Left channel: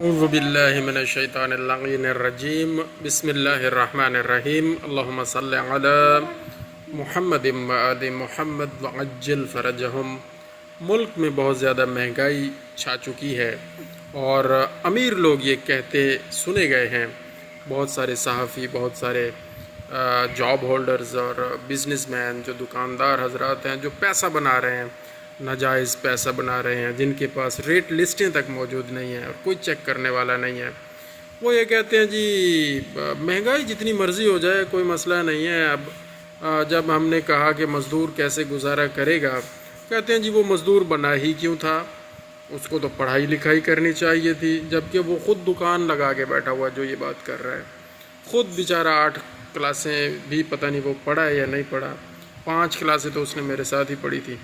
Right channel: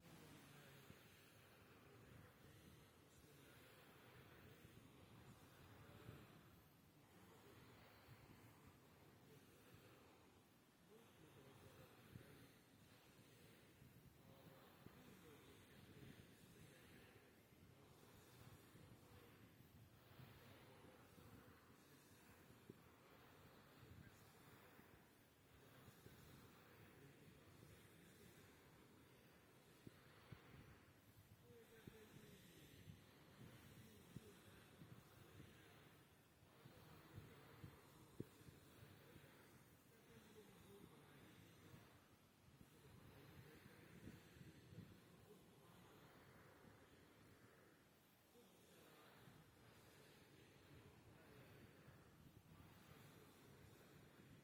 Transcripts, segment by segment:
اعوذ باللہ من الشیطان اللعین الرجیم بسم اللہ الرحمن الرحیم اللہم صلی علی محمد وآل محمد وعجل فرجہم۔ ملک میں بہت زیادہ مہنگائی چھا چکی ہے اور امیر لوگ یہ کہتے سنے گئے ہیں، بہت سارے صحافی، بہت سارے جاب ہولڈرز اور بزنس مین جو دکاندار حضرات ہیں جو پیسہ بنا رہے ہیں، ناجائز پیسہ بنا رہے ہیں، جن کے پاس ریٹ لسٹیں تک موجود نہیں ہیں اور کوئی چیک کرنے والا نہیں ہے، وہ یہ کہتے ہیں جی مہنگائی جتنی مرضی ہو جائے کوئی مسئلہ نہیں ہے۔ اب جب ہم نے کہا کہ مزدور کیسے گزارا کرے گا، کہتے ہیں جی وہ مزدور بنا ہی کیوں تھا، اس کو تو پڑھائی لکھائی کرنی چاہیے تھی، جبکہ وہ خود دکان لگا کے بیٹھا ہوا جو یہ بات کر رہا ہے، خود بیچارہ 8 کلاسیں بھی پتہ نہیں وہ پڑھا ہے یا نہیں پڑھا، 5 کلاسیں تو اس نے میرے ساتھ ہی پڑھی تھی،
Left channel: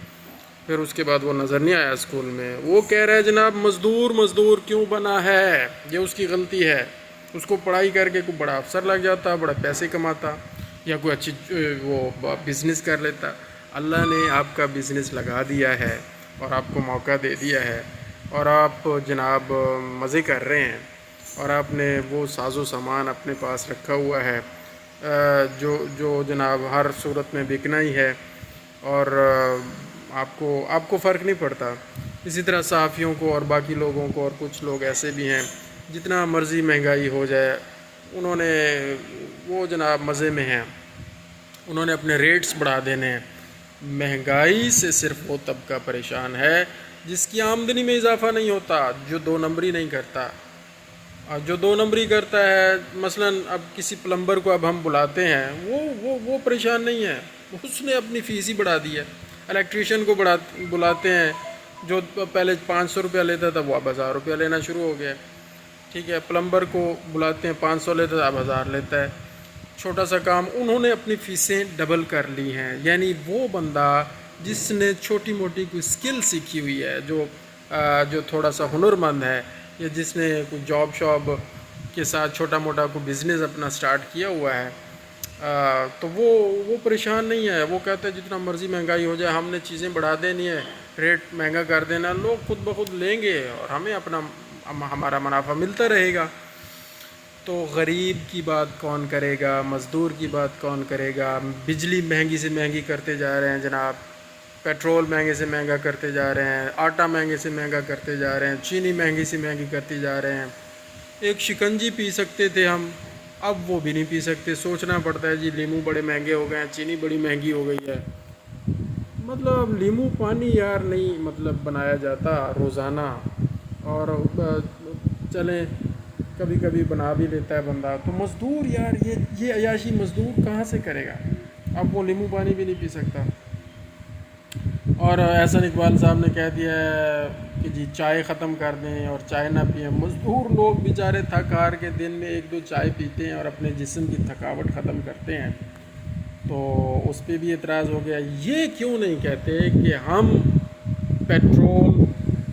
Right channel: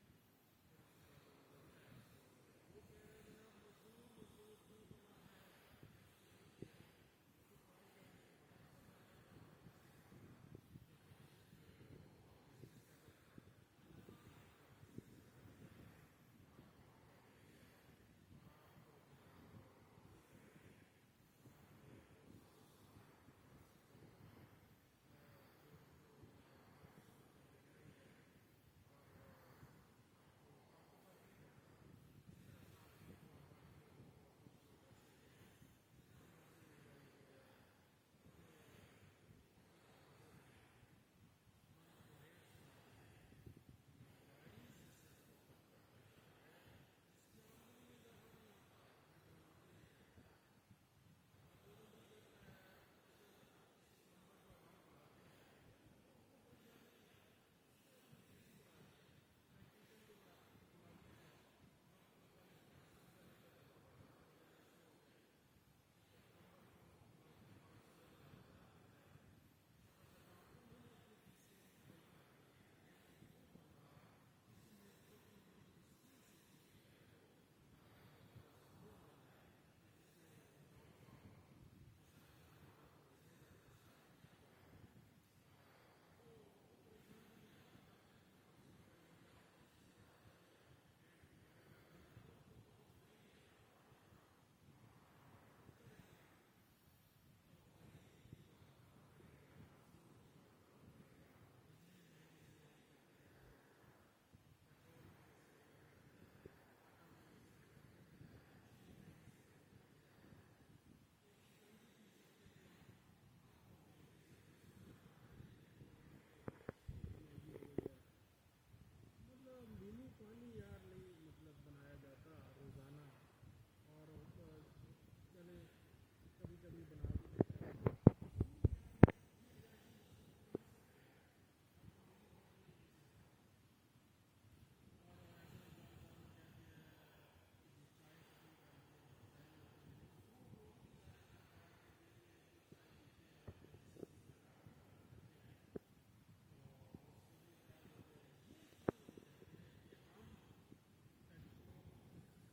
پھر اس کے بعد وہ نظر نہیں آیا اسکول میں۔ وہ کہہ رہے ہیں جناب مزدور کیوں بنا ہے، یہ اس کی غلطی ہے، اس کو پڑھائی کر کے کوئی بڑا افسر لگ جاتا، بڑا پیسے کماتا، یا کوئی اچھی وہ بزنس کر لیتا۔ اللہ نے آپ کا بزنس لگا دیا ہے اور آپ کو موقع دے دیا ہے اور آپ جناب مزے کر رہے ہیں، اور آپ نے وہ ساز و سامان اپنے پاس رکھا ہوا ہے جو جناب ہر صورت میں بکنا ہی ہے، اور آپ کو فرق نہیں پڑتا۔ اسی طرح صحافیوں کو اور باقی لوگوں کو، اور کچھ لوگ ایسے بھی ہیں جتنا مرضی مہنگائی ہو جائے انہوں نے وہ جناب مزے میں ہیں، انہوں نے اپنے ریٹس بڑھا دینے ہیں۔ مہنگائی سے صرف وہ طبقہ پریشان ہے جس کی آمدنی میں اضافہ نہیں ہوتا، جو 2 نمبری نہیں کرتا، اور جو 2 نمبری کرتا ہے، مثلا اب کسی پلمبر کو اب ہم بلاتے ہیں، وہ پریشان نہیں ہے، اس نے اپنی فیس ہی بڑھا دی ہے۔ الیکٹریشین کو بلاتے ہیں، جو پہلے 500 روپیہ لیتا تھا وہ اب 1000 روپیہ لینا شروع ہو گیا، ٹھیک ہے۔ پلمبر کو بلاتے ہیں، 500 لیتا تھا اب 1000 لیتا ہے، چھوٹا سا کام انہوں نے اپنی فیسیں ڈبل کر لی ہیں۔ یعنی وہ بندہ جس نے چھوٹی موٹی کوئی سکل سیکھی ہوئی ہے، جو تھوڑا سا ہنرمند ہے، یا جس نے کوئی جاب شاب کے ساتھ چھوٹا موٹا کوئی بزنس اپنا سٹارٹ کیا ہوا ہے، تو وہ پریشان نہیں ہے۔ وہ کہتے ہیں جتنا مرضی مہنگائی ہو جائے ہم نے چیزیں بڑھا دینی ہے، ریٹ مہنگا کر دینا، لوگ خود بخود لیں گے اور ہمیں ہمارا منافع ملتا رہے گا۔ تو غریب کی بات کون کرے گا، مزدور کی بات کون کرے گا؟ بجلی مہنگی سے مہنگی کرتے جا رہے ہیں جناب، پیٹرول مہنگے سے مہنگا کرتے جا رہے ہیں، آٹا مہنگے سے مہنگا کرتے جا رہے ہیں، چینی مہنگی سے مہنگی کرتی جا رہے ہیں۔ ایک شکنجی پی سکتے تھے ہم، اب وہ بھی نہیں پی سکتے، سوچنا پڑتا ہے جی لیمو بڑے مہنگے ہو گئے ہیں، چینی بڑی مہنگی ہو گئی ہے۔ مطلب لیمو پانی یار نہیں بنایا جاتا روزانہ، اور چلیں کبھی کبھی بنا بھی لیتا ہے بندہ، تو مزدور یار یہ عیاشی مزدور کہاں سے کرے گا؟ اب وہ لیمو پانی بھی نہیں پی سکتا۔ اور احسن اقبال صاحب نے کہہ دیا ہے کہ جی چائے ختم کر دیں اور چائے نہ پئیں۔ مزدور لوگ بیچارے تھک ہار کے دن میں 1-2 چائے پیتے ہیں اور اپنے جسم کی تھکاوٹ ختم کرتے ہیں، تو اس پہ بھی اعتراض ہو گیا۔ یہ کیوں نہیں کہتے کہ ہم پیٹرول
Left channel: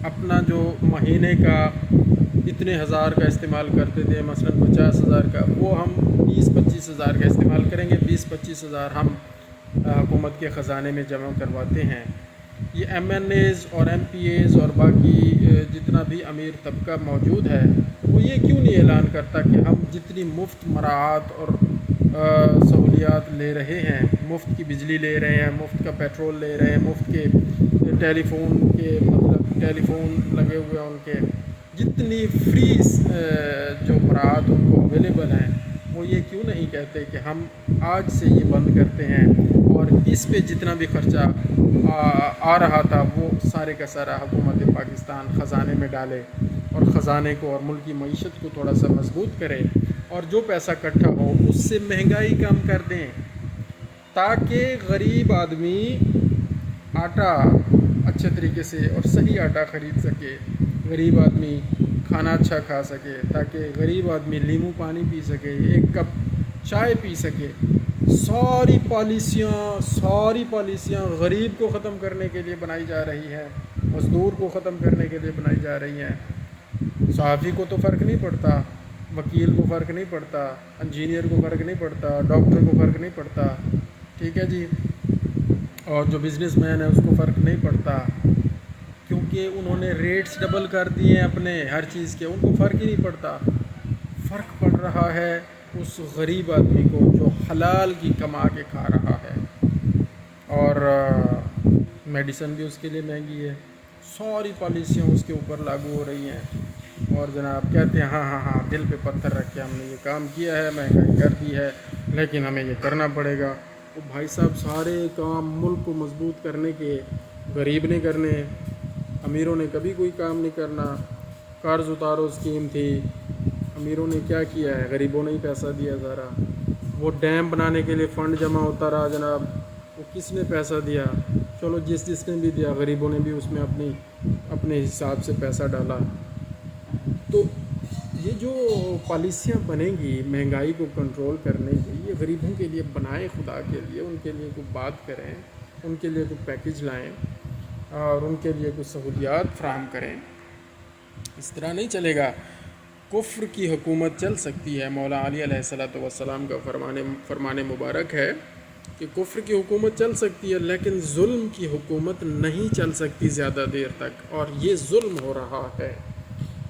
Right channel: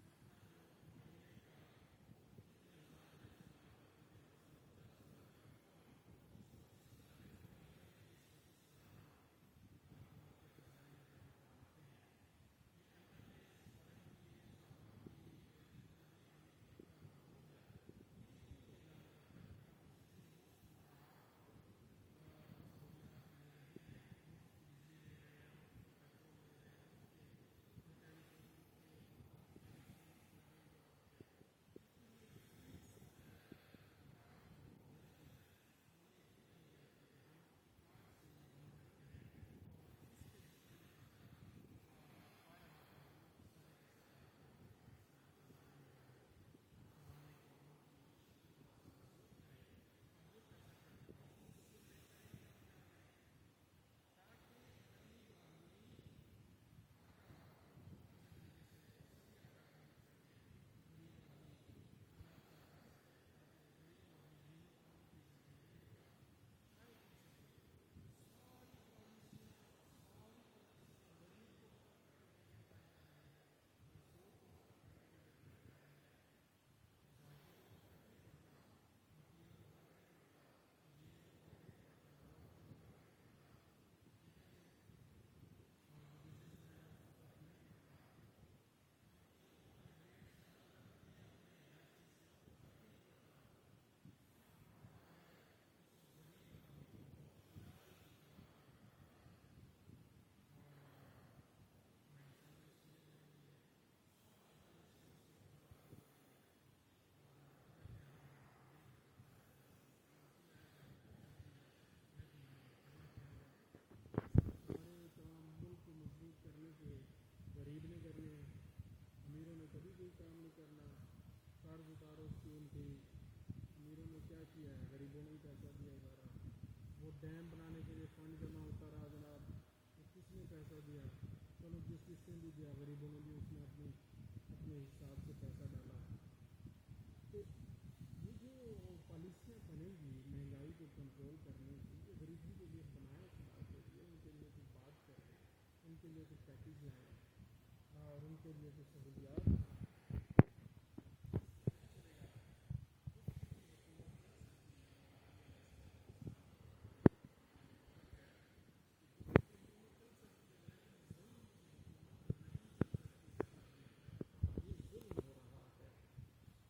اپنا جو مہینے کا اتنے ہزار کا استعمال کرتے تھے، مثلا 50,000 کا، وہ ہم 20-25 ہزار کا استعمال کریں گے، 20-25 ہزار ہم حکومت کے خزانے میں جمع کرواتے ہیں۔ یہ ایم این ایز اور ایم پی ایز اور باقی جتنا بھی امیر طبقہ موجود ہے، وہ یہ کیوں نہیں اعلان کرتا کہ ہم جتنی مفت مراعات اور سہولیات لے رہے ہیں، مفت کی بجلی لے رہے ہیں، مفت کا پیٹرول لے رہے ہیں، مفت کے ٹیلی فون لگے ہوئے ہیں، ان کے جتنی فری جو مراعات ان کو اویلیبل ہیں، وہ یہ کیوں نہیں کہتے کہ ہم آج سے یہ بند کرتے ہیں، اور اس پہ جتنا بھی خرچہ آ رہا تھا وہ سارے کا سارا حکومت پاکستان خزانے میں ڈالے، اور خزانے کو اور ملکی معیشت کو تھوڑا سا مضبوط کرے، اور جو پیسہ اکٹھا ہو اس سے مہنگائی کم کر دیں، تاکہ غریب آدمی آٹا اچھے طریقے سے اور صحیح آٹا خرید سکے، غریب آدمی کھانا اچھا کھا سکے، تاکہ غریب آدمی لیمو پانی پی سکے، 1 کپ چائے پی سکے۔ ساری پالیسیاں غریب کو ختم کرنے کے لیے بنائی جا رہی ہیں، مزدور کو ختم کرنے کے لیے بنائی جا رہی ہیں۔ صحافی کو تو فرق نہیں پڑتا، وکیل کو فرق نہیں پڑتا، انجینئر کو فرق نہیں پڑتا، ڈاکٹر کو فرق نہیں پڑتا، ٹھیک ہے جی، اور جو بزنس مین ہے اس کو فرق نہیں پڑتا، کیوں کے انہوں نے ریٹس ڈبل کر دیے ہیں اپنے ہر چیز کے، ان کو فرق ہی نہیں پڑتا۔ فرق پڑ رہا ہے اس غریب آدمی کو جو حلال کی کما کے کھا رہا ہے، اور میڈیسن بھی اس کے لیے مہنگی ہے، ساری پالیسیاں اس کے اوپر لاگو ہو رہی ہیں، اور جناب کہتے ہیں ہاں ہاں ہاں دل پہ پتھر رکھ کے ہم نے یہ کام کیا ہے، مہنگائی کر دی ہے، لیکن ہمیں یہ کرنا پڑے گا۔ تو بھائی صاحب سارے کام ملک کو مضبوط کرنے کے غریب نے کرنے ہیں، امیروں نے کبھی کوئی کام نہیں کرنا۔ قرض اتارو اسکیم تھی، امیروں نے کیا کیا ہے؟ غریبوں نے ہی پیسہ دیا سارا۔ وہ ڈیم بنانے کے لیے فنڈ جمع ہوتا رہا جناب، وہ کس نے پیسہ دیا؟ چلو جس نے بھی دیا، غریبوں نے بھی اس میں اپنے حساب سے پیسہ ڈالا۔ تو یہ جو پالیسیاں بنیں گی مہنگائی کو کنٹرول کرنے کی، یہ غریبوں کے لیے بنائیں، خدا کے لیے ان کے لیے کوئی بات کریں، ان کے لیے کوئی پیکج لائیں اور ان کے لیے کوئی سہولیات فراہم کریں۔ اس طرح نہیں چلے گا۔ کفر کی حکومت چل سکتی ہے، مولا علی علیہ السلام کا فرمان مبارک ہے کہ کفر کی حکومت چل سکتی ہے، لیکن ظلم کی حکومت نہیں چل سکتی زیادہ دیر تک، اور یہ ظلم ہو رہا ہے۔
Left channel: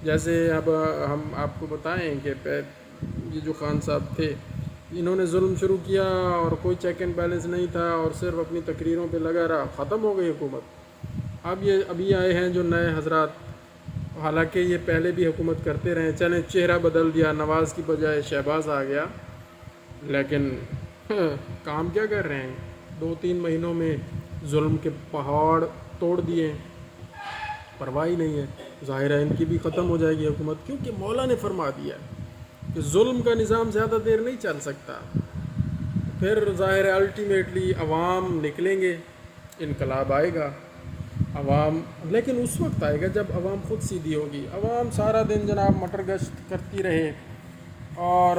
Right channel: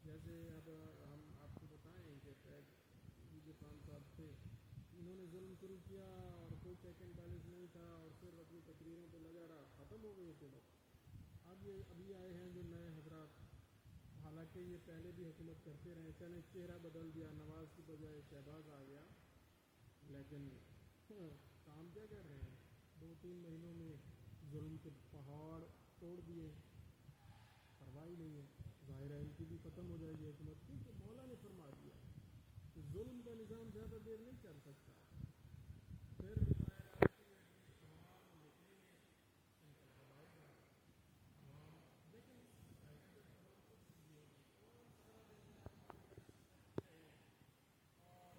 جیسے اب ہم آپ کو بتائیں کہ یہ جو خان صاحب تھے، انہوں نے ظلم شروع کیا اور کوئی چیک اینڈ بیلنس نہیں تھا، اور صرف اپنی تقریروں پہ لگا رہا، ختم ہو گئی حکومت۔ اب یہ ابھی آئے ہیں جو نئے حضرات، حالانکہ یہ پہلے بھی حکومت کرتے رہے، چلیں چہرہ بدل دیا، نواز کی بجائے شہباز آ گیا، لیکن کام کیا کر رہے ہیں؟ 2-3 مہینوں میں ظلم کے پہاڑ توڑ دیے، پرواہ ہی نہیں ہے۔ ظاہر ہے ان کی بھی ختم ہو جائے گی حکومت، کیونکہ مولا نے فرما دیا کہ ظلم کا نظام زیادہ دیر نہیں چل سکتا۔ پھر ظاہر ہے الٹیمیٹلی عوام نکلیں گے، انقلاب آئے گا، عوام، لیکن اس وقت آئے گا جب عوام خود سیدھی ہوگی۔ عوام سارا دن جناب مٹر گشت کرتی رہے اور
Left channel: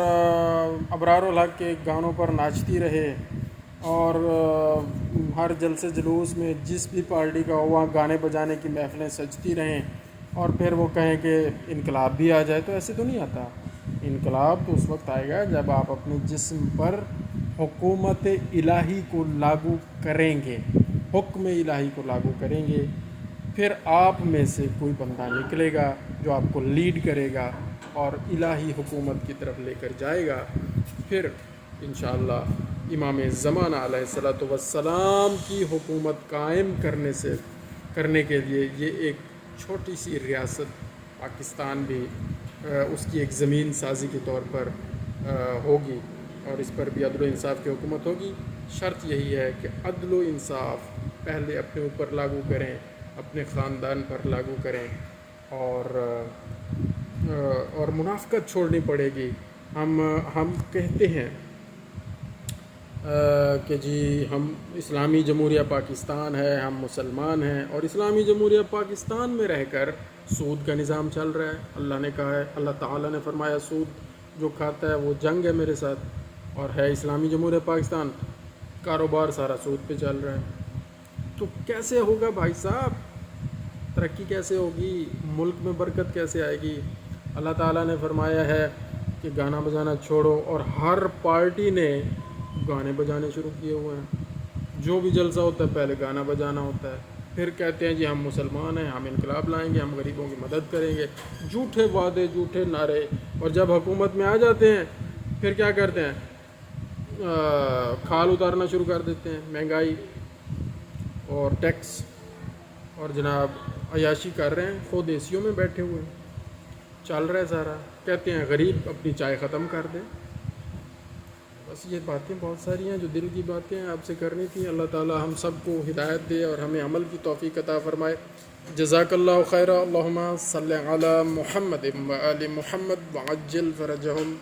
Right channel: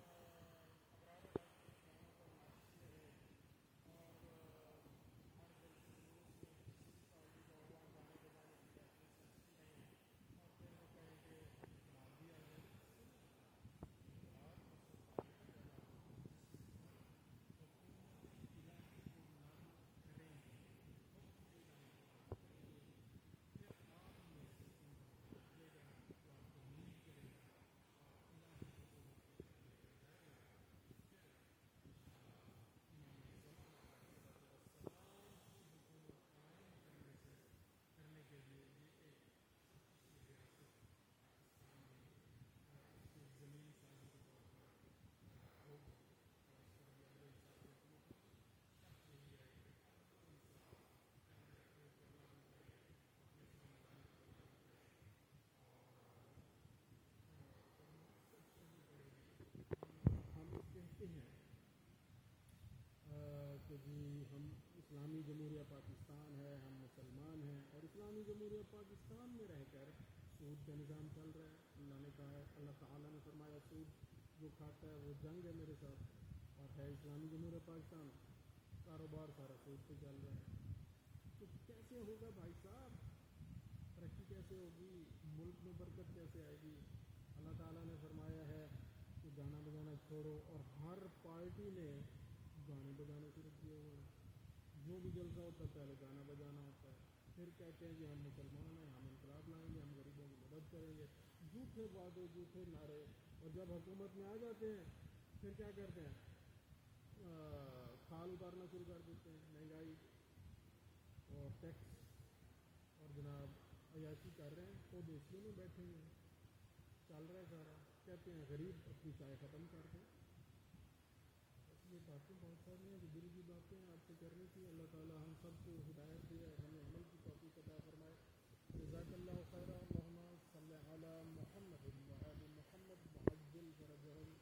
ابرار الحق کے گانوں پر ناچتی رہے، اور ہر جلسے جلوس میں جس بھی پارٹی کا ہو وہاں گانے بجانے کی محفلیں سجتی رہیں، اور پھر وہ کہیں کہ انقلاب بھی آ جائے، تو ایسے تو نہیں آتا۔ انقلاب تو اس وقت آئے گا جب آپ اپنے جسم پر حکومت الہی کو لاگو کریں گے، حکم الہی کو لاگو کریں گے، پھر آپ میں سے کوئی بندہ نکلے گا جو آپ کو لیڈ کرے گا اور الہی حکومت کی طرف لے کر جائے گا۔ پھر انشاءاللہ امام زمانہ علیہ السلام کی حکومت قائم کرنے کے لیے یہ ایک چھوٹی سی ریاست پاکستان بھی اس کی ایک زمین سازی کے طور پر ہوگی، اور اس پر بھی عدل و انصاف کی حکومت ہوگی۔ شرط یہی ہے کہ عدل و انصاف پہلے اپنے اوپر لاگو کریں، اپنے خاندان پر لاگو کریں، اور منافقت چھوڑنی پڑے گی۔ ہم کہتے ہیں کہ جی ہم اسلامی جمہوریہ پاکستان ہے، ہم مسلمان ہیں، اور اسلامی جمہوریہ پاکستان میں رہ کر سود کا نظام چل رہا ہے۔ اللہ نے کہا ہے، اللہ تعالیٰ نے فرمایا سود جو کھاتا ہے وہ جنگ ہے میرے ساتھ، اور ہے اسلامی جمہوریہ پاکستان، کاروبار سارا سود پہ چل رہا ہے۔ تو کیسے ہوگا بھائی صاحب؟ ترقی کیسے ہوگی؟ ملک میں برکت کیسے آئے گی؟ اللہ تعالیٰ نے فرمایا ہے کہ گانا بجانا چھوڑو، اور ہر پارٹی نے گانے بجانے شروع کیے ہوئے ہیں۔ جو بھی جلسہ ہوتا ہے پہلے گانا بجانا ہوتا ہے، پھر کہتے ہیں جی ہم مسلمان ہیں، ہم انقلاب لائیں گے، ہم غریبوں کی مدد کریں گے، جھوٹے وعدے، جھوٹے نعرے، اور جب حکومت میں آ جاتے ہیں پھر کیا کرتے ہیں؟ کھال اتارنا شروع کر دیتے ہیں، مہنگائی اور ٹیکس، اور جناب عیاشی کر رہے ہیں، خود ایسیوں میں بیٹھے ہوئے ہیں، چل رہا ہے سارا، کہتے ہیں غریب اپنی چائے ختم کر دے۔ بس یہ باتیں بہت ساری ہیں جو دل کی باتیں آپ سے کرنی تھیں۔ اللہ تعالی ہم سب کو ہدایت دے اور ہمیں عمل کی توفیق عطا فرمائے۔ جزاک اللہ خیرہ۔ اللہم صلی علی محمد و آل محمد وعجل فرجہم۔